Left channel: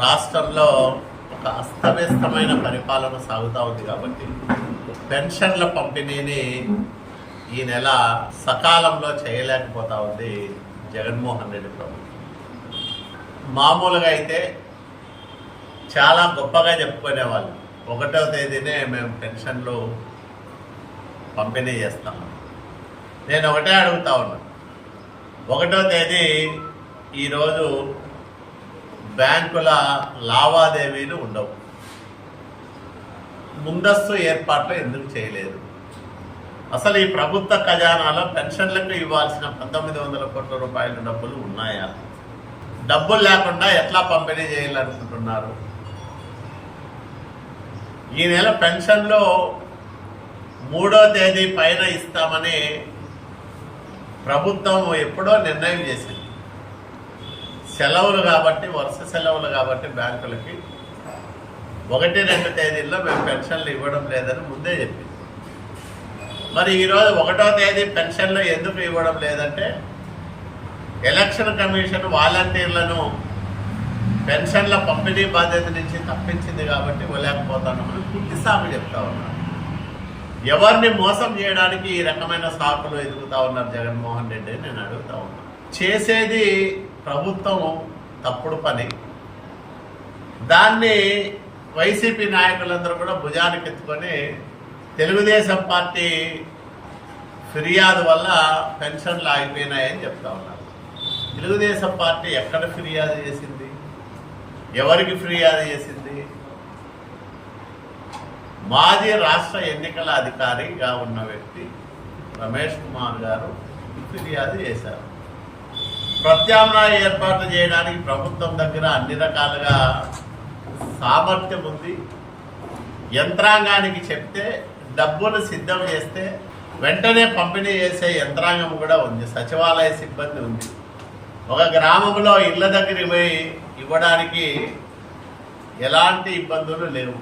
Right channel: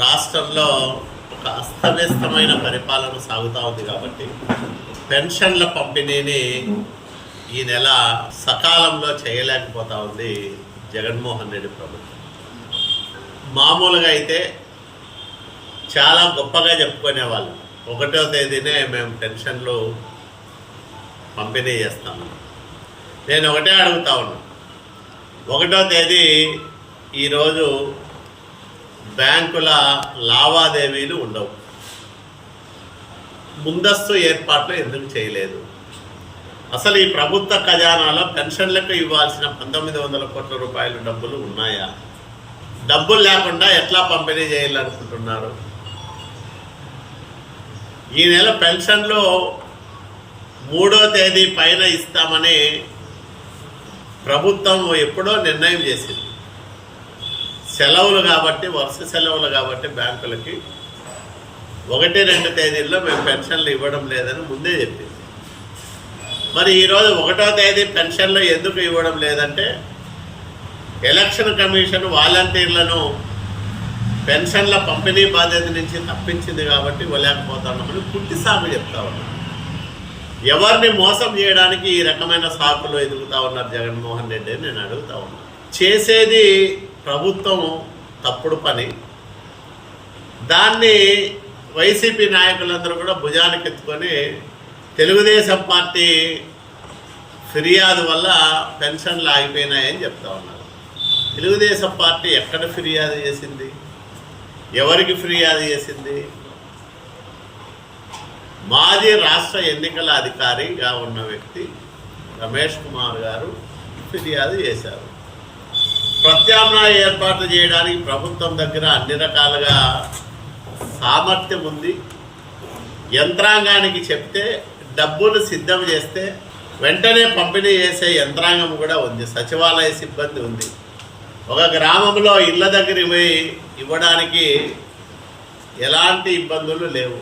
రాష్ట్రంలో ఒక అస్తవ్యస్తమైన పరిపాలన సాగుతూ ఉంది కాబట్టి పెన్షన్ల పంపిణీని ఈ నెల సకాలంలో చేయలేకపోతా ఉంది జగన్మోహన్ రెడ్డి ప్రభుత్వం. మామూలుగా అయితే చాలా గొప్పగా చెప్పుకునేవాళ్ళు, 1వ తేదీనే మేము పెన్షన్లు పంపిణీ చేస్తాము. నేను ఒకటే అడుగుతా ఉన్నా, 1వ తేదీ ఈరోజు బ్యాంకుల లావాదేవీలు ఉండవు, ముందస్తు ఏర్పాట్లు ఎందుకు చేయలేదు? అసలు ఈ ప్రభుత్వ ఖజానాలో పెన్షన్లకు ఇవ్వాల్సిన 1900 కోట్ల రూపాయల డబ్బులు ఉన్నాయా? డబ్బులు లేకుండా ఎట్లా పంపిణీ చేయాలనుకుంటున్నారు? ఈ నెల పెన్షన్లు 3వ తేదీ పైన ఇస్తామని ప్రభుత్వం ఎప్పుడో నిర్ణయం చేసింది. సెలవులు కాబట్టి, వరుస సెలవులు కాబట్టి బ్యాంకులకి 1-2 తేదీల్లో మేము పెన్షన్లు ఇవ్వడం లేదని ముందే చెప్పింది. మరి ఈరోజు 1వ తేదీ పెన్షన్లు ఎందుకు ఇవ్వడం లేదంటే, ఎలక్షన్ కమిషన్ వాలంటీర్లను పెన్షన్ల పంపిణీ బాధ్యత నుంచి తప్పించింది కాబట్టి ఇవ్వలేకపోతున్నామని కుట్టి సాగు చెప్తా ఉన్నారు. ఎవరిని మోసం చేయడానికి ఈ రకమైన సాకులు ఎదుగుతూ ఉన్నారు జగన్మోహన్ రెడ్డి అని నేను అడుగుతా ఉన్నాను. చేసేది ప్రభుత్వం తప్పుడు పని, దాన్ని వైసీపీ నాయకులందరూ కూడా భుజానికి ఎత్తుకొని తెలుగుదేశం పార్టీ ఫిర్యాదు వల్ల పెన్షన్లు ఆగిపోయినాయని చెప్తా ఉన్నారు. తెలుగుదేశం పార్టీ ఎక్కడ ఫిర్యాదు చేసింది? ఎవరికి ఫిర్యాదు చేసింది? మాజీ రాష్ట్ర ఎన్నికల అధికారిగా ఉన్న వ్యక్తి రమేష్ కుమార్ గారు ఫిర్యాదు చేశారు. ప్రత్యామ్నాయ ఏర్పాట్లు చేయడానికి ప్రభుత్వం దగ్గర అన్ని రకాలుగా సామర్థ్యం ఉంది. యంత్రాంగానికి చెప్తే డబ్బులు సిద్ధం చేస్తే వెంటనే పంపిణీ చేసే యంత్రాంగం కూడా ఉంది. సచివాలయ సిబ్బంది ఉంది. ఒక గ్రామంలో ఇళ్ళ దగ్గర పోయి ఇవ్వడానికి ఎలాంటి ఇబ్బందులు లేవు.